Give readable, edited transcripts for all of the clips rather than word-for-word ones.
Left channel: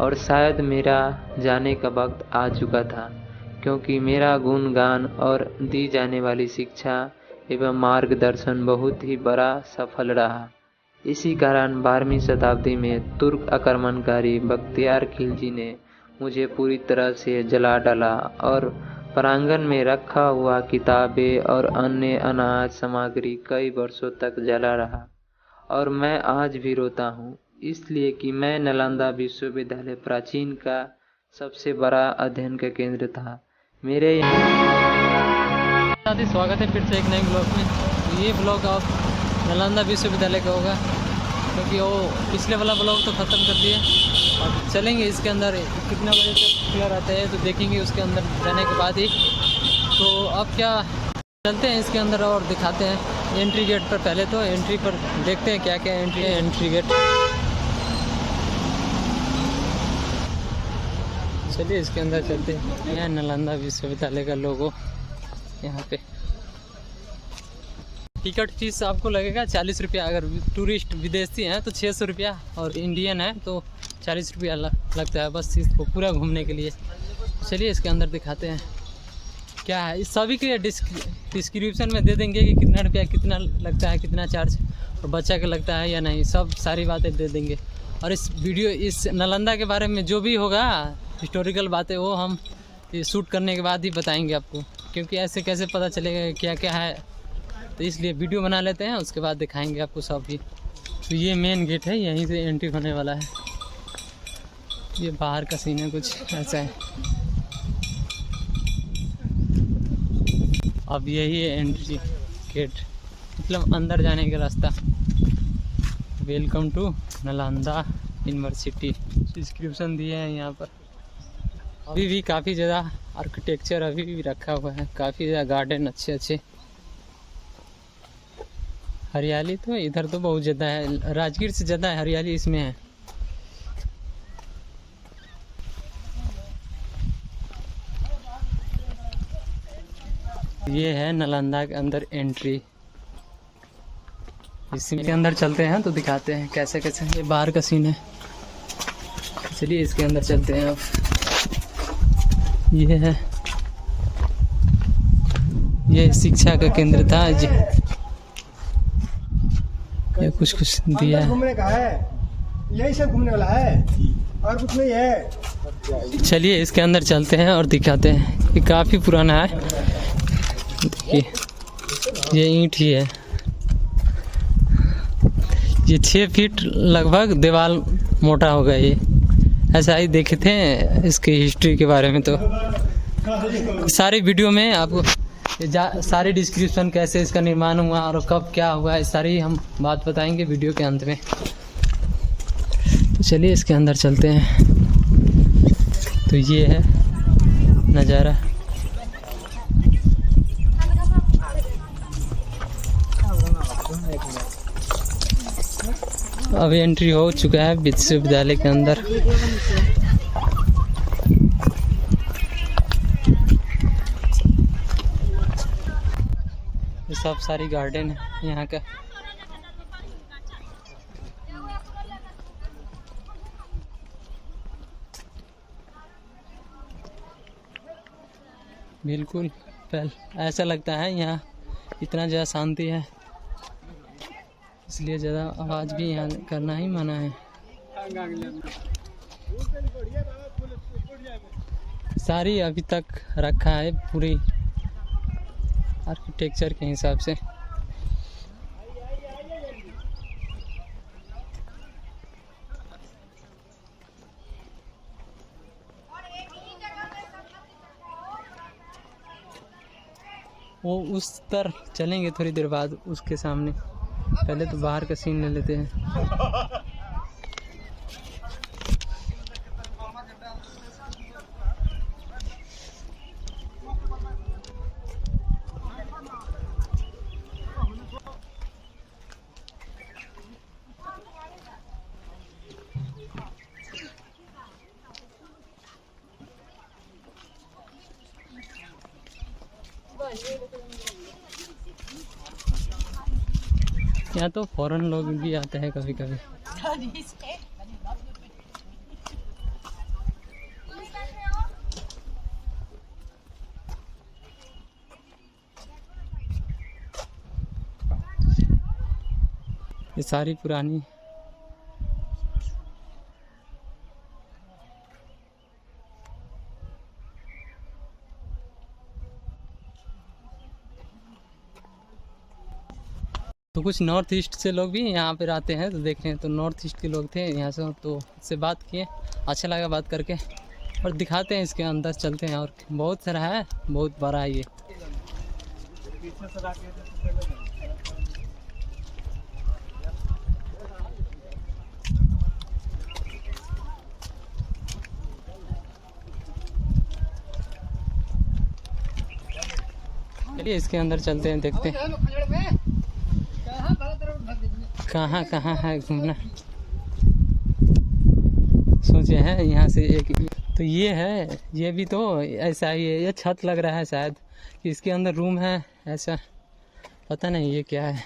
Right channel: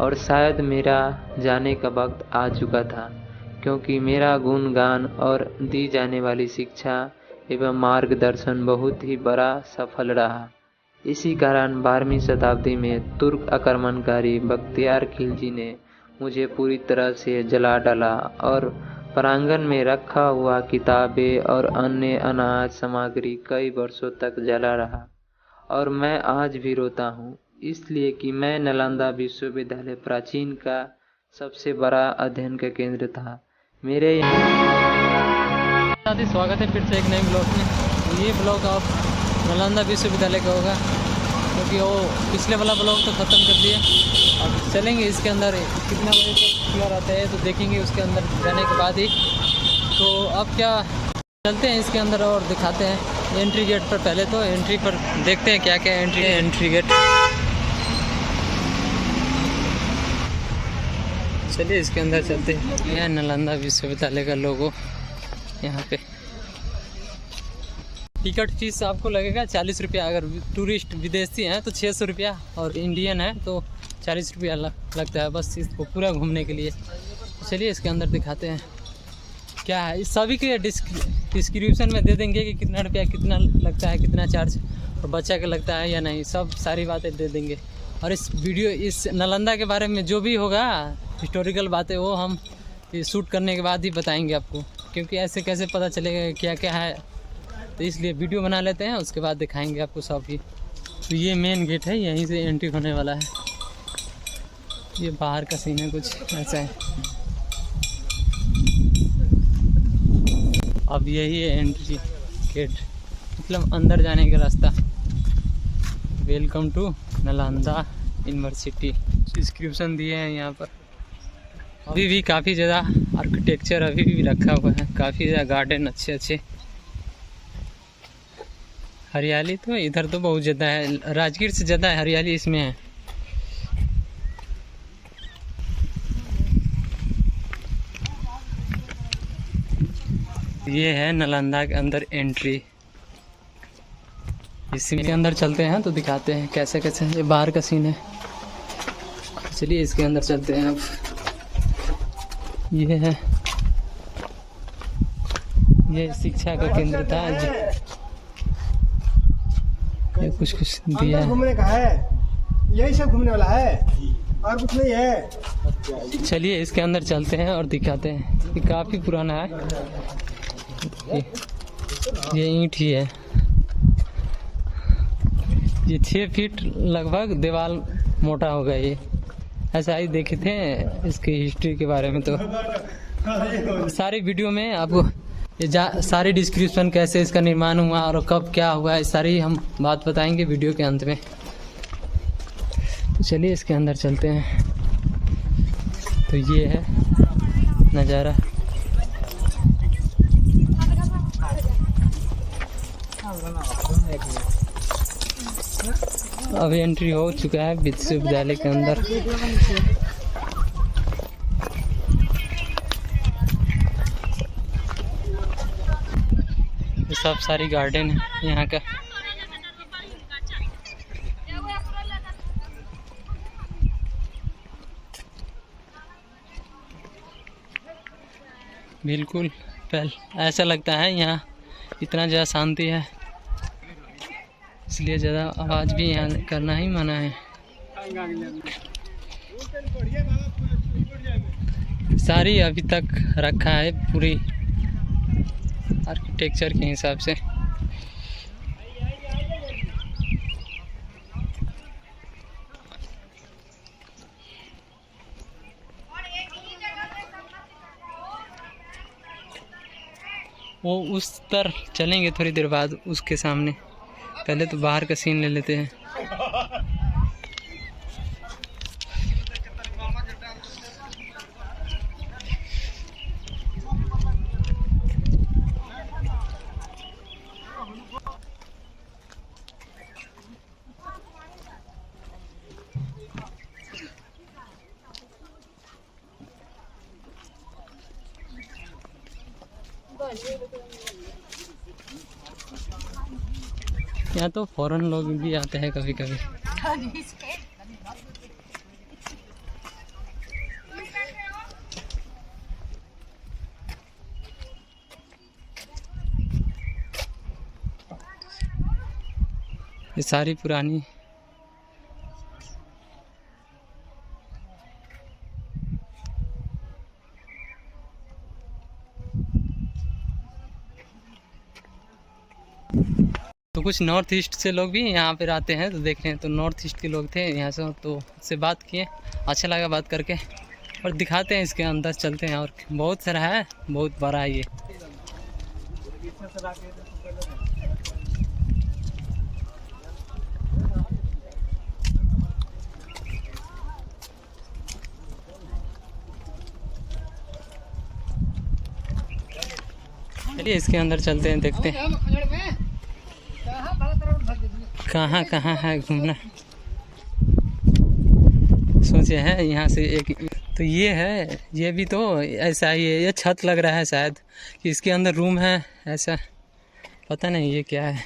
और शायद मेरा जाने का वक्त आ चुका था, क्योंकि मेरा गुणगान और दी जाने वाली शिक्षा एवं मार्गदर्शन बहुत ही बड़ा सफल रहा। इसी कारण 12वीं शताब्दी में तुर्क आक्रमणकारी बख्तियार खिलजी ने मुझे पूरी तरह से जला डाला और प्रांगण में रखा हुआ किताबें और अन्य अनाज सामग्री कई वर्षों तक जला रहा। और मैं आज भी रोता हूँ, इसलिए कि मैं नालंदा विश्वविद्यालय प्राचीन का सबसे बड़ा अध्ययन का केंद्र था। मेरे यहाँ स्वागत है फिर से एक नए ब्लॉग में। ये ब्लॉग आप नालंदा विश्वविद्यालय का होगा, क्योंकि वो पिछले वाला ब्लॉग तो ख़त्म कर दिया। अब चलेंगे इसके अंदर, कितना बजे तक खुला रहता है तो देखेंगे उसके अंदर जाने के बाद ही। तो अब क्या चलते हैं इसके अंदर और दिखाते हैं एंट्री गेट पर। पहले तो एंट्री पर देखते हैं क्या क्या एंट्री है। एंट्री गेट, चलिए इसके अंदर चलते हैं। यह नालंदा विश्वविद्यालय का लोगो यहाँ पे। टिकट फीस आपको लगेगा 40 रुपया। अगर टूरिस्ट विदेशी हैं तो 600 रुपया, और इंडियन है तो 40 रुपया लगता है बस इसको पूरा घूमने के लिए। चलिए इसके अंदर दिखाते हैं क्या है। इस सभी के डिस्क्रिप्शन में दे देंगे कि कितना रुपया कितना लगता है, कितना चार्ज, और बच्चा का लगता है या नहीं, सब सारी बातें दे देंगे। और इस नालंदा के बारे में जो भी होगा हिस्टोरिकल बातें, वो हम शूट करने के बाद ही बताएंगे आपको, क्योंकि ऐसे कैसे पता चलेगा क्या क्या है। तो इसलिए वीडियो बना लेते हैं, उसके बाद दिखाएंगे आपको सब ही। तो ये मेन गेट है, यहीं से एंट्री होने वाला है। ये बाहर का सीन है, कुछ ऐसा है। अब यही है एंट्री गेट, मतलब अंदर जाने का रास्ता। Welcome to Nalanda university description दिए हैं यहाँ पर। अभी भी काफ़ी ज़्यादा आर्किटेक्चर अभी भी रखा हुआ है, काफ़ी ज़्यादा गार्डन अच्छे अच्छे। हरियाली तो इधर तो बहुत ज़्यादा है, राजगीर से ज़्यादा हरियाली इसमें है। ये है नालंदा के अंदर एंट्री। इसी के अंदर चलते हैं तो दिखाते हैं कैसे कैसे। ये बाहर का सीन है, चलिए इसके अंदर चलते हैं अब। ये है, ये शिक्षा का केंद्र था। ये कुछ दिया है। घूमने का है, यही सब घूमने वाला है और कुछ नहीं है। चलिए इसके अंदर चलते हैं और दिखाते हैं। ये काफ़ी पुराना है, ये ईंट ही है। ये 6 फीट लगभग दीवार मोटा होगा। ये ऐसा ही देखे थे इसकी हिस्ट्री के बारे में। तो सारी वीडियो में आपको सारी डिस्क्रिप्शन, कैसे इसका निर्माण हुआ और कब क्या हुआ, इस सारी हम बात बताएंगे वीडियो के अंत में। तो चलिए इसके अंदर चलते हैं। तो ये है नज़ारा। अभी एंट्री हो चुका है विश्वविद्यालय के अंदर। ये सब सारी गार्डन है यहाँ का। बिल्कुल ऐसा लगता है यहाँ इतना ज़्यादा शांति है, इसलिए ज़्यादा आवाज़ भी यहाँ करना ही मना है। सारी अभी तक रखा है पूरी आर्किटेक्चर के हिसाब से। वो उस तरफ चलेंगे थोड़ी देर बाद, उसके सामने। पहले तो बाहर का सीन ले लेते हैं। यहाँ तो फॉरेन लोग भी आते हैं कभी कभी। ये सारी पुरानी तो कुछ नॉर्थ ईस्ट से लोग भी यहाँ पर आते हैं, तो देख रहे हैं। तो नॉर्थ ईस्ट के लोग थे यहाँ से, तो उससे बात किए, अच्छा लगा बात करके। और दिखाते हैं इसके अंदर, चलते हैं। और बहुत सारा है, बहुत बड़ा है ये। चलिए इसके अंदर चलते हैं, देखते हैं कहाँ कहाँ है घूमना। सोचे हैं यहाँ से एक, तो ये है, ये भी तो ऐसा ही है। ये छत लग रहा है शायद कि इसके अंदर रूम है, ऐसा पता नहीं ये क्या है।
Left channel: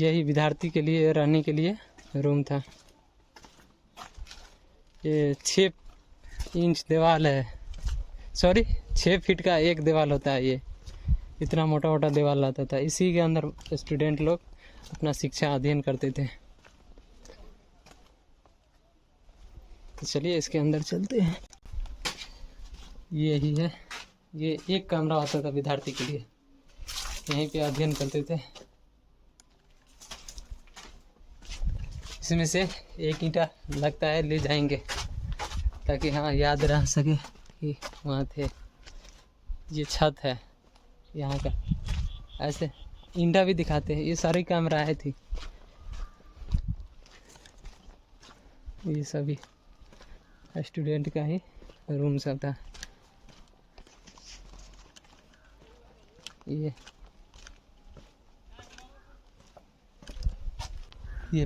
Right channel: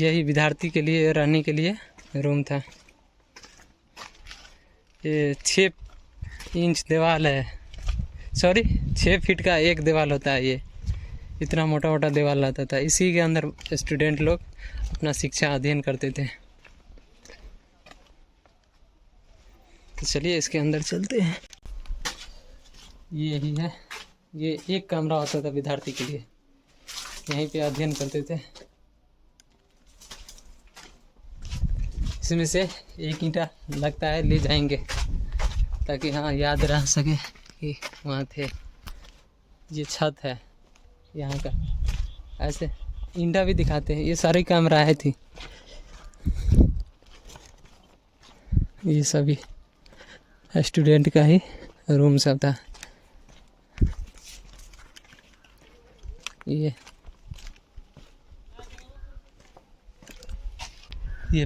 यही विद्यार्थी के लिए रहने के लिए रूम था। ये 6 इंच दीवार है, सॉरी 6 फीट का एक दीवार होता है। ये इतना मोटा मोटा दीवार रहता था। इसी के अंदर स्टूडेंट लोग अपना शिक्षा अध्ययन करते थे। तो चलिए इसके अंदर चलते हैं। ये ही है, ये एक कमरा होता था विद्यार्थी के लिए, यहीं पे अध्ययन करते थे। इसमें से एक ईंटा लगता है ले जाएंगे ताकि हाँ याद रह सके कि वहाँ थे। ये छत है यहाँ का, ऐसे ईंटा भी दिखाते हैं। ये सारी कमराएं थी, ये सभी स्टूडेंट का ही रूम सब था। ये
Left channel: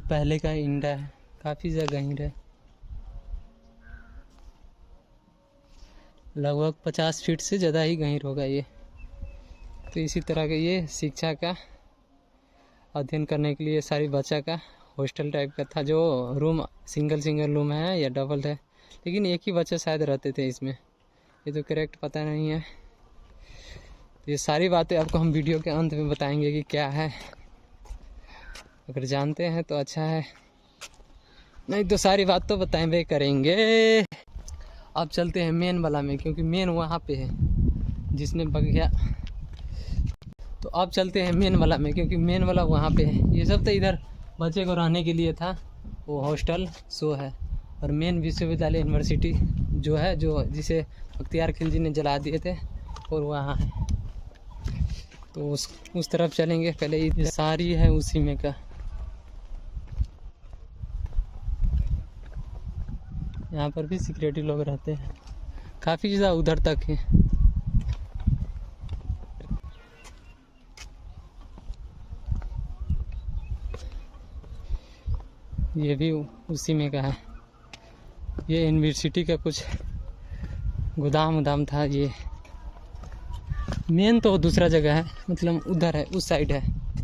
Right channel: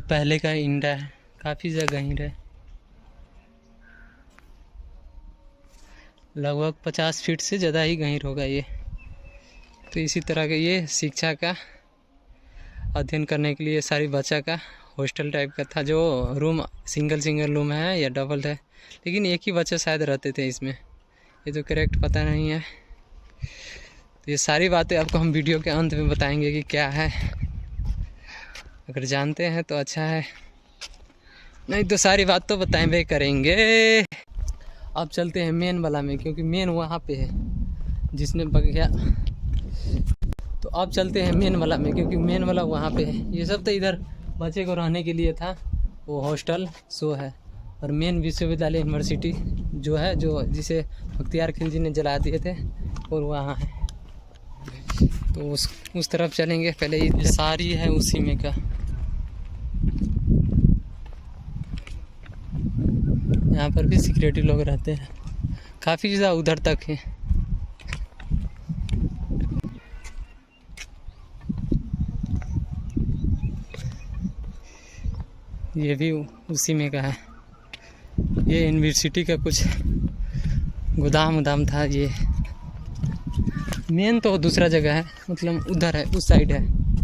पहले का ईंटा है, काफ़ी जगह ईंट है, लगभग 50 फीट से ज़्यादा ही गहीर होगा ये। तो इसी तरह का ये शिक्षा का अध्ययन करने के लिए सारी बच्चा का हॉस्टल टाइप का था। जो रूम सिंगल रूम है या डबल है, लेकिन एक ही बच्चा शायद रहते थे इसमें, ये तो करेक्ट पता नहीं है। तो ये सारी बातें आपको हम वीडियो के अंत में बताएंगे कि क्या है। अगर जानते हैं तो अच्छा है, नहीं तो सारी बात तो बताएंगे करेंगे। अब चलते हैं मेन वाला में, क्योंकि मेन वहाँ पे है जिसने बगिया। तो अब चलते हैं मेन वाला में, क्योंकि मेन वाला वहाँ पे है। ये सब तो इधर बच्चे को रहने के लिए था, वो हॉस्टल सो है। और मेन विश्वविद्यालय यूनिवर्सिटी जो है, जो जिसे बख्तियार खिलजी ने जला दिए थे, और वहाँ है। तो उस तरफ चलेंगे। पहले ये सारी है उसी में का। यहाँ पर भी सिक्योरिटी लोग रहते हैं, काफ़ी ज़्यादा उधर तक है। ये भी उसी में का है। ये यूनिवर्सिटी का कुछ गोदाम था। ये मेन तो दूसरा जगह है, मतलब उधर है, उस साइड है।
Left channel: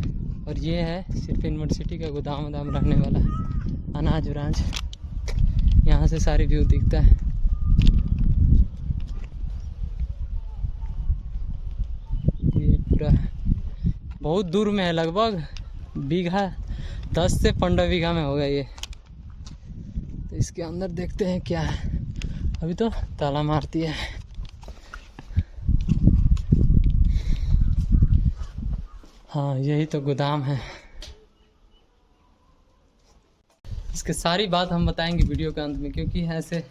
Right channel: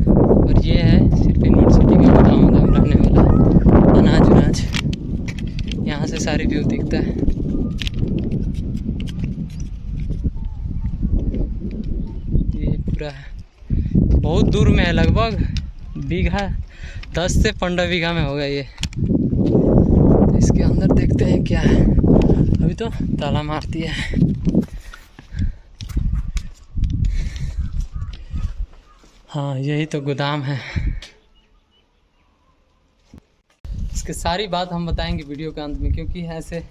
और ये है सिर्फ यूनिवर्सिटी का गोदाम रहने वाला अनाज। यहाँ से सारी व्यू दिखता है। ये पूरा बहुत दूर में है, लगभग बीघा 10 से 15 बीघा में होगा ये। तो इसके अंदर देखते हैं क्या है। अभी तो ताला मारती है। हाँ यही तो गोदाम है। इसके सारी बात हम बताएंगे वीडियो के अंत में, क्योंकि ऐसे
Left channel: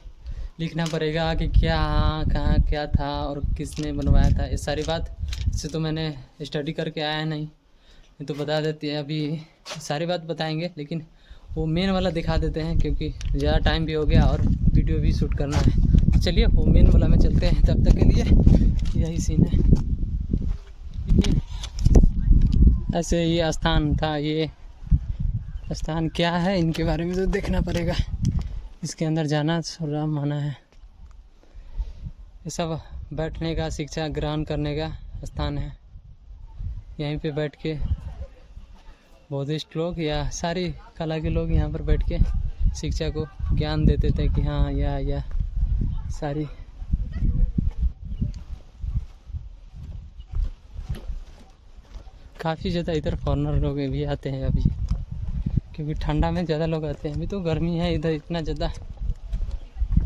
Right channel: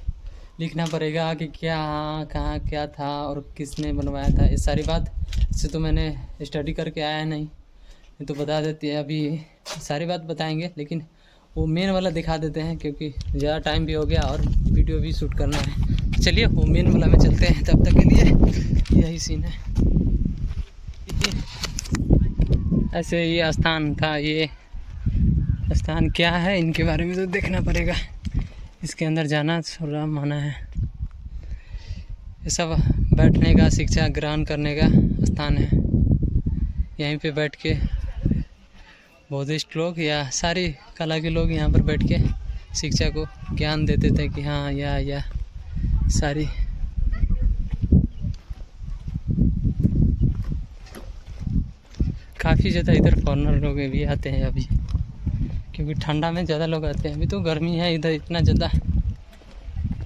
लिखना पड़ेगा कि क्या कहाँ क्या था और किसने बनवाया था। ये सारी बात इससे तो मैंने स्टडी करके आया नहीं, तो बता देती है। अभी सारी बात बताएंगे, लेकिन वो मेन वाला दिखा देते हैं, क्योंकि ज़्यादा टाइम भी हो गया और वीडियो भी शूट करना है। चलिए वो मेन वाला में चलते हैं। तब तक के लिए यही सीन है। ऐसे ये स्थान था। ये स्थान क्या है इनके बारे में तो देखना पड़ेगा। इसके अंदर जाना थोड़ा मना है। ये सब बैठने का, शिक्षा ग्रहण करने का स्थान है। यहीं पे बैठ के बौद्धिस्ट लोग या सारी कला के लोग यहाँ पर बैठ के शिक्षा को ज्ञान देते थे कि हाँ या सारी। काफ़ी ज़्यादा इधर फॉरेनर लोग भी आते हैं अभी। क्योंकि ठंडा में ज़्यादा लोग आते हैं। अभी तो गर्मी है इधर, इतना ज़्यादा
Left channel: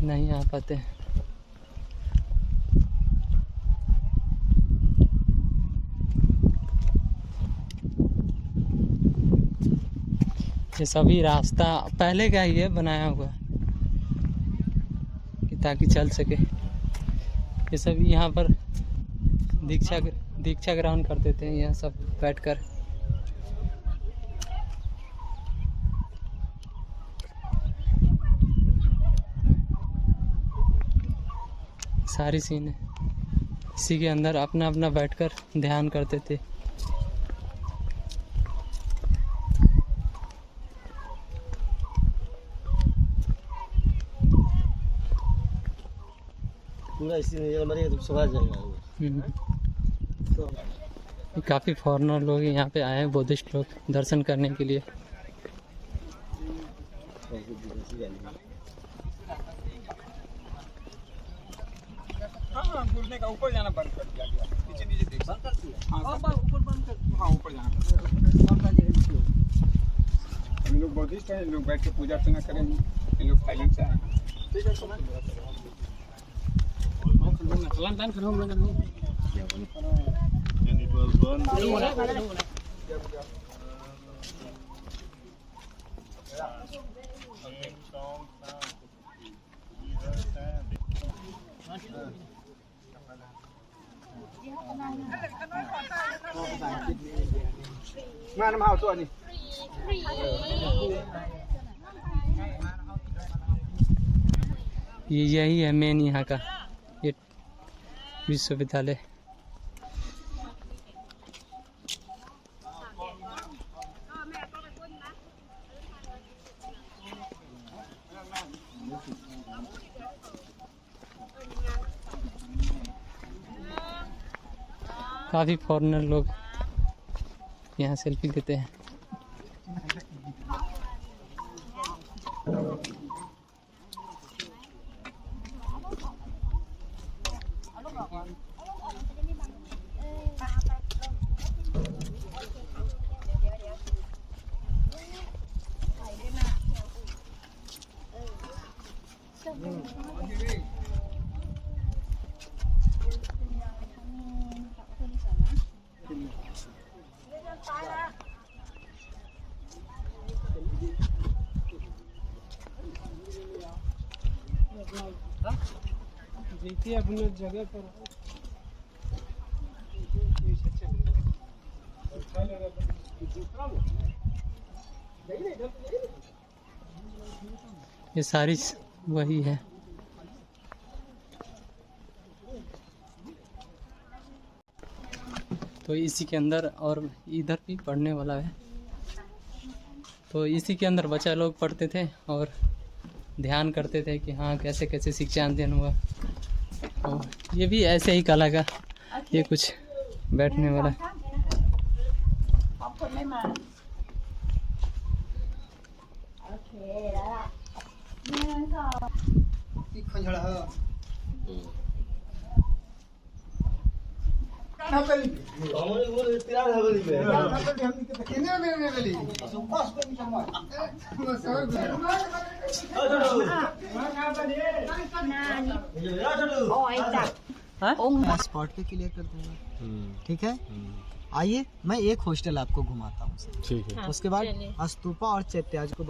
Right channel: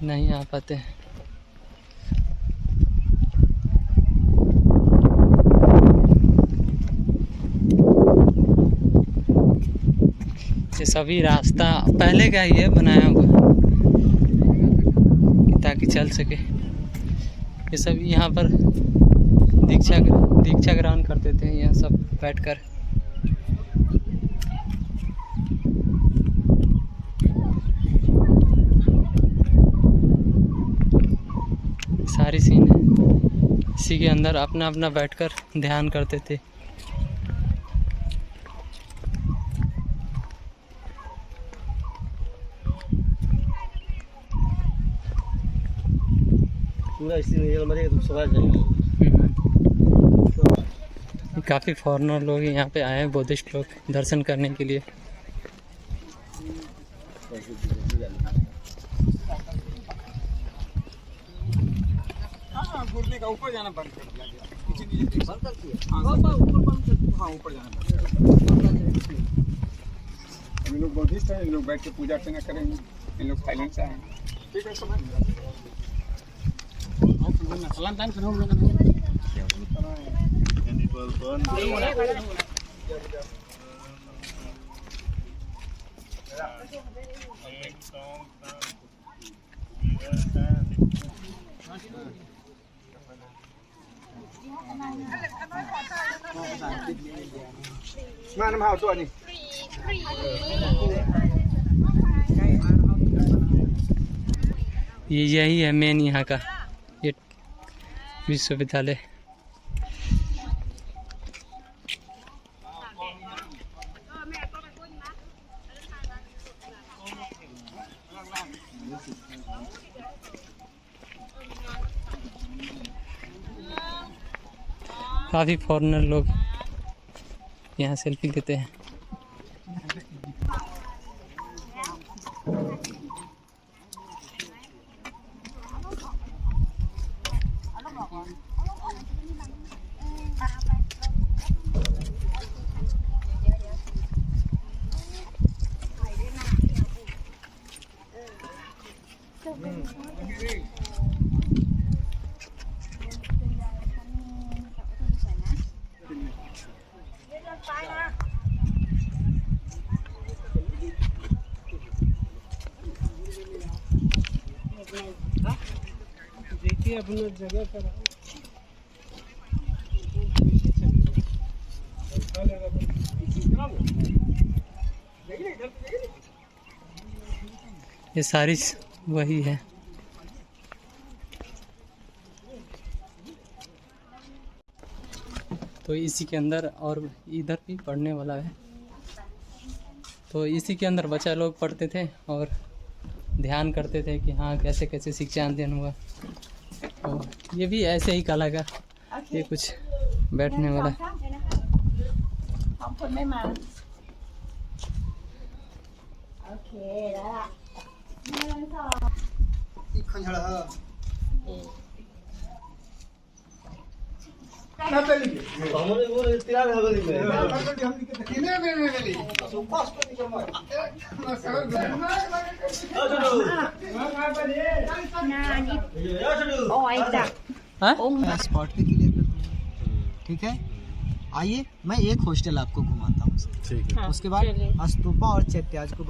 नहीं आ पाते हैं। ये सभी रास्ता पहले का ही है बनाया हुआ, ताकि चल सके। ये सब यहाँ पर दीक्षा ग्रहण करते थे, यहाँ सब बैठकर। सारी सीन है, इसी के अंदर अपना अपना बैठकर ध्यान करते थे। काफ़ी फॉरेनर लोग यहाँ पे आए हैं, बुद्धिस्ट लोग दर्शन करने के लिए। घूमने का ऊपर जाना बंद कर दिया गया, नीचे नीचे बंद कर दिया। हाँ ऊपर जाना बंद। हम लोग बुद्धिस्ट हैं, लोग बैठ के पूजा अर्चना करेंगे, इन लोग साइलेंस हैं। ठीक है, समझ गया। सलाम टाइम करो हम लोग। ये यही है मेन यहाँ का ये विश्वविद्यालय। काफ़ी फॉरेनर लोग यहाँ सेल्फी लेते हैं। देखिए अपना जगह पर ये सारी वही है। तो इसी के अंदर, और इधर भी पढ़ने वाला है, तो इसी के अंदर बच्चा लोग पढ़ते थे और ध्यान करते थे कि हाँ कैसे कैसे शिक्षा अध्ययन हुआ। और ये भी ऐसे ही कला का ये कुछ बैठने वाला। स्पॉट पे क्लियर कर दूंगा, ठीक है। आइए मैं एक हॉस्टल आपको घुमाता हूँ, ठीक है। उसके बाद स्तूपा और चैत्याज को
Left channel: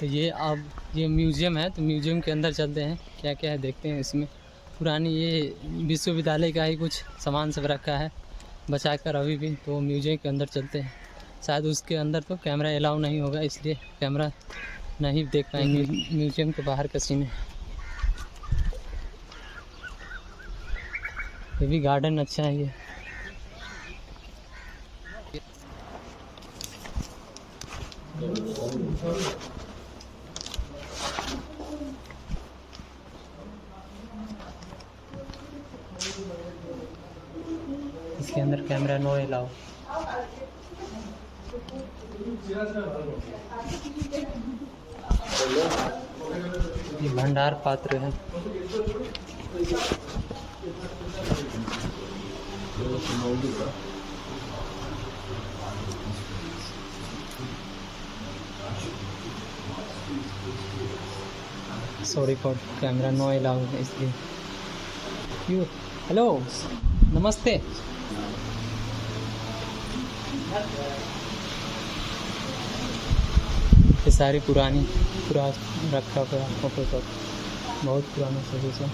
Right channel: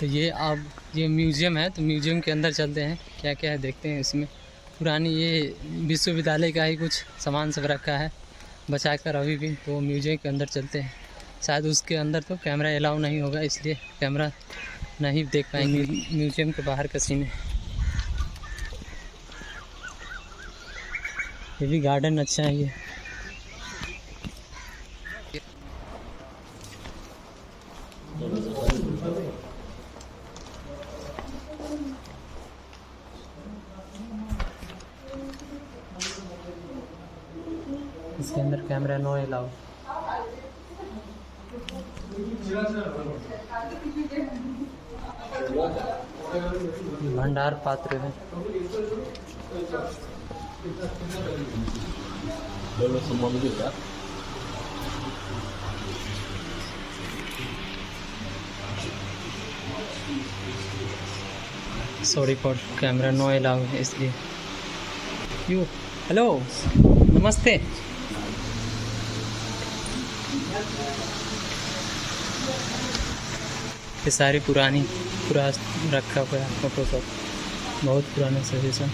तो ये अब ये म्यूज़ियम है, तो म्यूज़ियम के अंदर चलते हैं, क्या क्या है देखते हैं। इसमें पुरानी ये विश्वविद्यालय का ही कुछ सामान सब रखा है बचा कर अभी भी। तो म्यूज़ियम के अंदर चलते हैं। शायद उसके अंदर तो कैमरा अलाउ नहीं होगा, इसलिए कैमरा नहीं देख पाएंगे। म्यूज़ियम के बाहर का सीन है। ये भी गार्डन अच्छा है ये। इसके अंदर कैमरा नो अलाउ। ये भंडार पात्र है। Sorry for camera no allow है इसलिए। यू हेलो नमस्ते। ये सारी पूरा रखा हुआ है फोटो सब, बहुत पुराने सजेशन।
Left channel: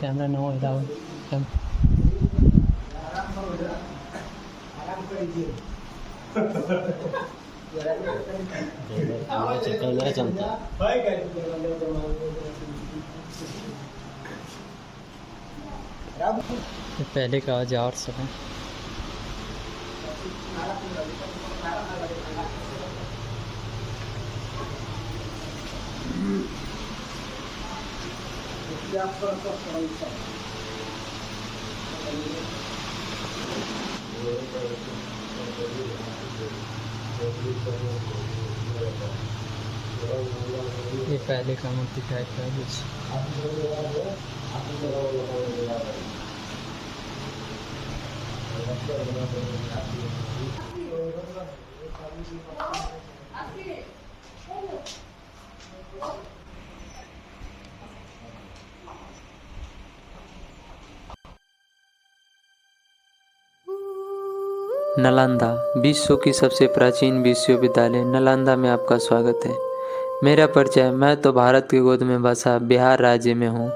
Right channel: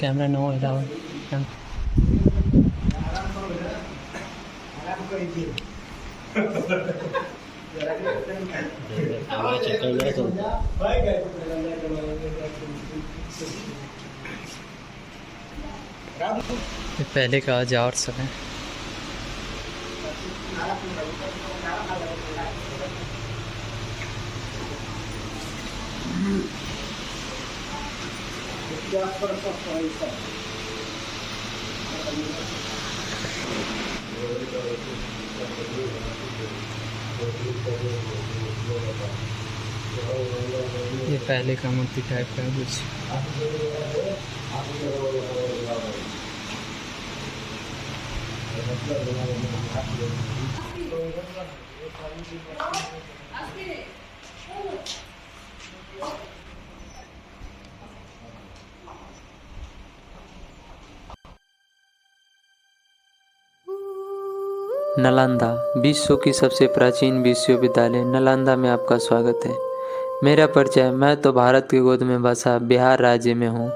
Camera no allow. ये पहले का आज और सब है। ये पहले का मूर्ति टाइप का कुछ। नालंदा विश्व की सबसे प्राचीन विश्वविद्यालय नालंदा में आपका स्वागत है। मेरा परिचय, मैं तो भारत की गोद में बसा बिहार राज्य में हूँ।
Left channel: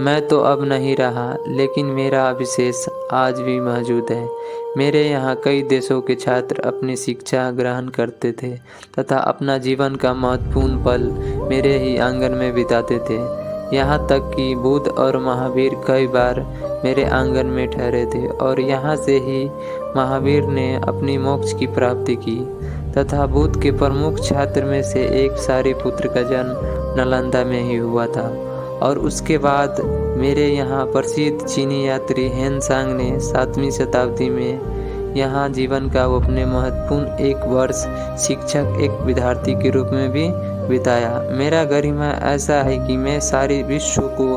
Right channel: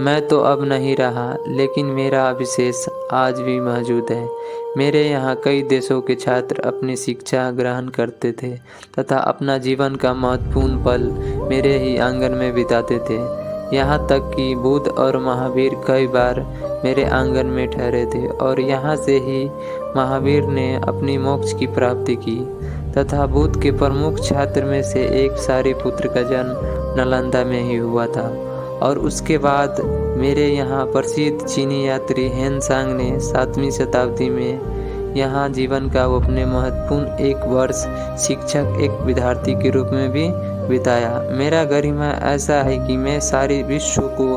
मैं तो अब नहीं रहा, लेकिन मेरा अवशेष आज भी मौजूद है। मेरे यहाँ कई देशों के छात्र अपनी शिक्षा ग्रहण करते थे तथा अपना जीवन का महत्वपूर्ण पल मेरे ही आंगन में बिताते थे। यहाँ तक कि बुद्ध और महावीर कई बार मेरे आंगन में ठहरे थे और यहाँ से ही महावीर ने अपनी मोक्ष की प्राप्ति की तथा बुद्ध के प्रमुख छात्र में से एक सारिपुत्र का जन्म नालंदा में ही हुआ था। और उसके बाद मेरे यहाँ प्रसिद्ध चीनी यात्री हेनसांग ने 7वीं शताब्दी में यहाँ जीवन का अपने महत्वपूर्ण 1 वर्ष शिक्षक एक विद्यार्थी के रूप में भी बिताया। मेरा गरिमा ऐसा है कि मैं सारे विश्व को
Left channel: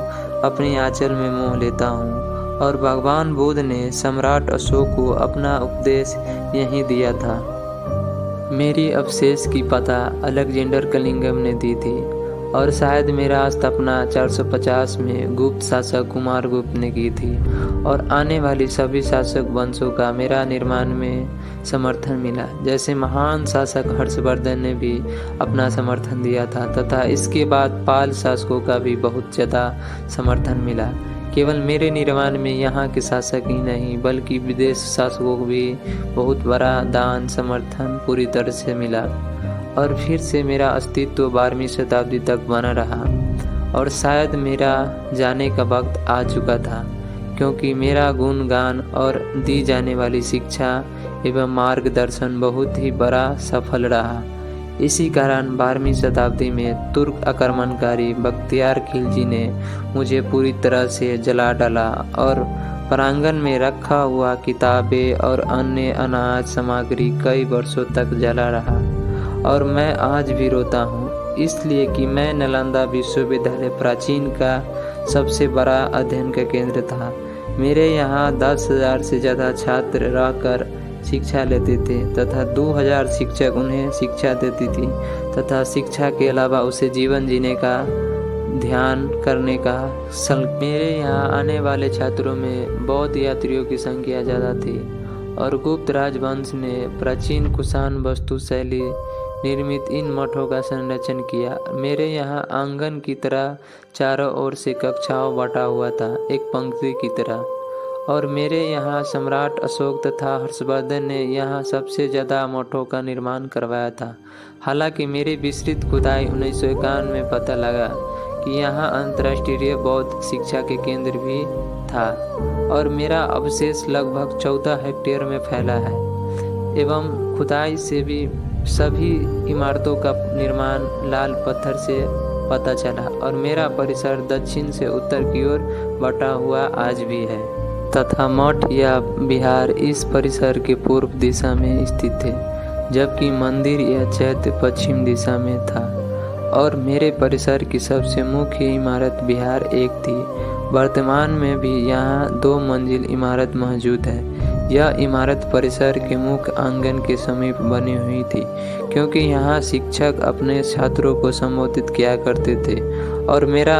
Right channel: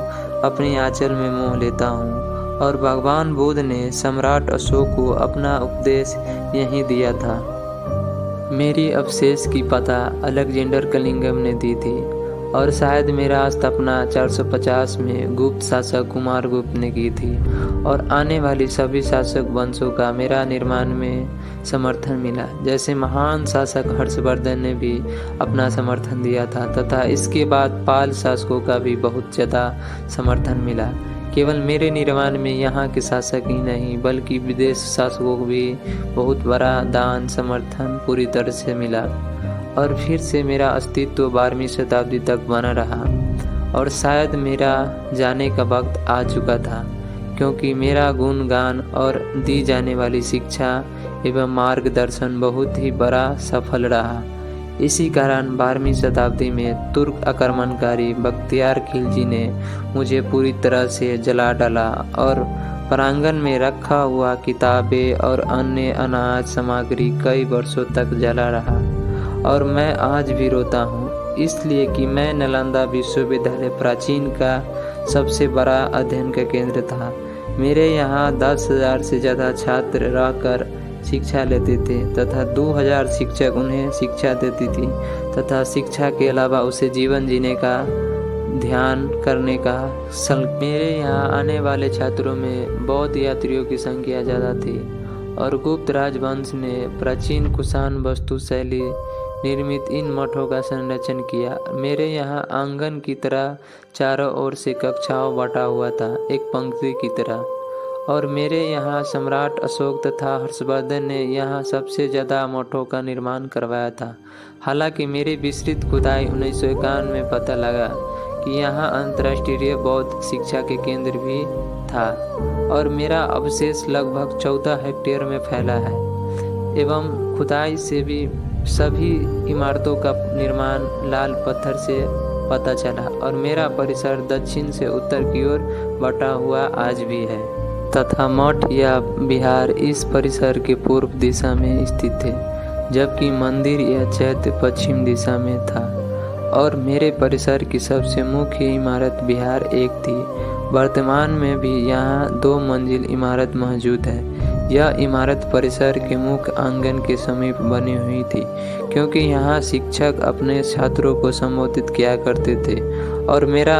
अपनी आंचल में मोह लेता हूँ और भगवान बुद्ध ने सम्राट अशोक को अपना उपदेश यहीं दिया था। मेरी अवशेष की पता अलेक्जेंडर कलिंगम ने दी थी और शायद मेरा स्थापना 450 में गुप्त शासक कुमारगुप्त ने की थी और आने वाली सभी शासक वंशों का मेरा निर्माण में समर्थन मिला। जैसे महान शासक हर्षवर्धन ने भी अपना समर्थन दिया था तथा इसके बाद पाल शासकों का भी बहुत ज़्यादा समर्थन मिला। केवल मेरे निर्माण में यहाँ के शासक ही नहीं बल्कि विदेश शासकों को भी बहुत बड़ा दान समर्थन पूरी तरह से मिला और फिर से मेरा अस्तित्व 12वीं शताब्दी तक बना रहा। और शायद मेरा जाने का वक्त आ चुका था, क्योंकि मेरा गुणगान और दी जाने वाली शिक्षा एवं मार्गदर्शन बहुत ही बड़ा सफल रहा। इसी कारण 12वीं शताब्दी में तुर्क आक्रमणकारी बख्तियार खिलजी ने मुझे पूरी तरह से जला डाला और प्रांगण में रखा हुआ किताबें और अन्य अनाज सामग्री कई वर्षों तक जला रहा। और मैं आज भी रोता हूँ, इसलिए कि मैं नालंदा विश्वविद्यालय प्राचीन का सबसे बड़ा अध्ययन का केंद्र था। मेरे यहाँ 10,000 से ज़्यादा छात्र रहकर शिक्षा लेते थे तथा 2,000 शिक्षक उन्हें शिक्षा देती थी तथा शिक्षा के अलावा उसे जीवन जीने का ध्यान करने का मेरे यहाँ आने वाले छात्रों में बौद्ध यात्रियों की संख्या ज़्यादा थी और गुप्त राजवंश ने प्राचीन कुषाण वास्तु शैली निर्मित इन मठों का संरक्षण किया। मेरे यहाँ आंगन की तरह चारों ओर से कक्षाओं बटा हुआ था, एक पंक्ति की तरह। और मेरे यहाँ सम्राट अशोक तथा हर्षवर्धन ने यहाँ सबसे ज़्यादा मठों का निर्माण करवाया था। हालांकि मेरी विस्तृत खुदाई 1951 में पता लगा कि यहाँ अंतर्राष्ट्रीय बौद्ध शिक्षा के केंद्र भी था और मेरा अवशेष लगभग 14 हेक्टेयर में फैला है एवं खुदाई से भी सभी इमारतों का निर्माण लाल पत्थर से पता चला और मेरा परिसर दक्षिण से उत्तर की ओर बटा हुआ आज भी है तथा मठ या विहार इस परिसर के पूर्व दिशा में स्थित थे, जबकि मंदिर या चैत्य पश्चिम दिशा में था। और मेरे परिसर की सबसे मुख्य इमारत विहार एक थी। वर्तमान में भी यहाँ 2 मंजिल इमारत मौजूद है। यह इमारत परिसर के मुख्य आंगन के समीप बनी हुई थी, क्योंकि यहाँ शिक्षक अपने छात्रों को संबोधित किया करते थे। और मेरा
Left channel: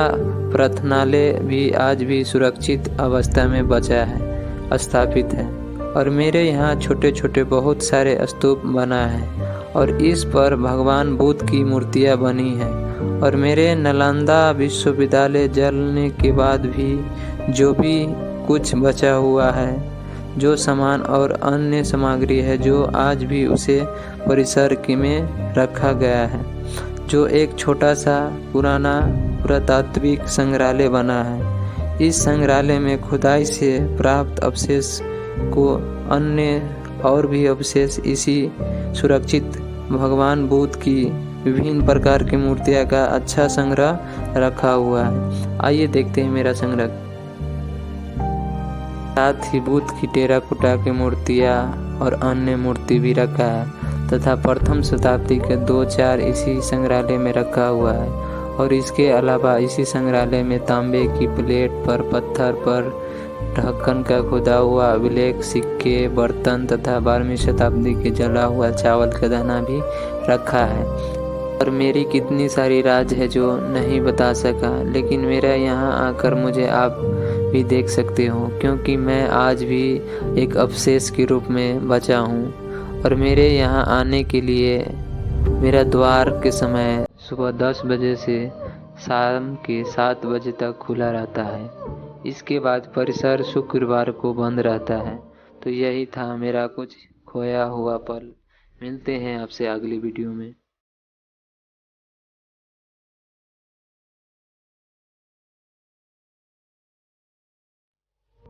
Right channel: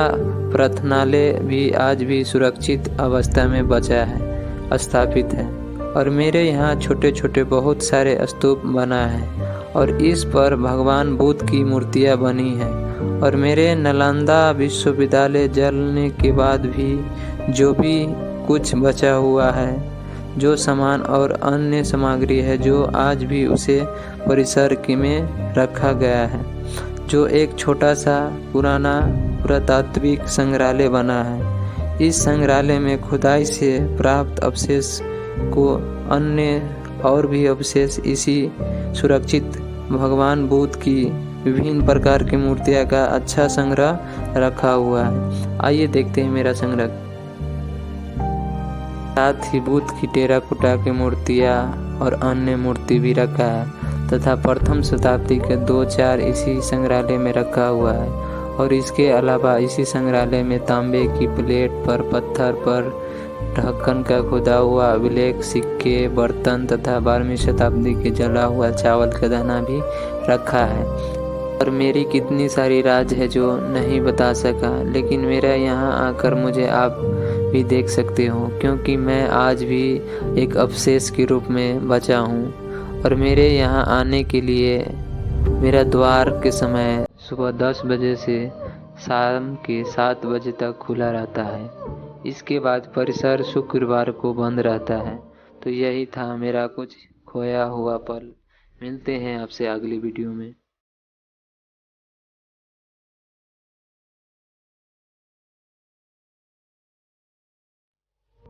प्रार्थनालय भी आज भी सुरक्षित अवस्था में बचा है, स्थापित है। और मेरे यहाँ छोटे छोटे बहुत सारे स्तूप बना है और इस पर भगवान बुद्ध की मूर्तियाँ बनी हैं। और मेरे नालंदा विश्वविद्यालय जलने के बाद भी जो भी कुछ बचा हुआ है, जो सामान और अन्य सामग्री है, जो आज भी उसे परिसर में रखा गया है, जो एक छोटा सा पुराना पुरातात्विक संग्रहालय बना है। इस संग्रहालय में खुदाई से प्राप्त अवशेष को अन्य और भी अवशेष इसी सुरक्षित भगवान बुद्ध की विभिन्न प्रकार की मूर्तियाँ का अच्छा संग्रह रखा हुआ है। आइए देखते हैं मेरा संग्रह। साथ ही बुद्ध की टेराकोटा की मूर्तियाँ और अन्य मूर्ति भी रखा है तथा प्रथम शताब्दी के 2-4 इसी संग्रहालय में रखा हुआ है। और इसके अलावा इसी संग्रहालय में तांबे की प्लेट पर पत्थर पर ढक्कन का खुदा हुआ अभिलेख, सिक्के, बर्तन तथा 12वीं शताब्दी के जला हुआ चावल का दाना भी रखा है। और मेरी कितनी सारी राज है जो नहीं बता सका, लेकिन मेरा यहाँ आकर मुझे आप भी देख सकते हो, क्योंकि मैं आज भी एक अवशेष के रूप में बचा हूँ। और मेरे यहाँ आने के लिए मेरा द्वार के समय सुबह 10 बजे से शाम के 7 बजे तक खुला रहता है। इसके बाद परिसर शुक्रवार को बंद रहता है। तो यही था मेरा कुछ खोया हुआ पल। मिलते हैं आपसे अगली वीडियो में।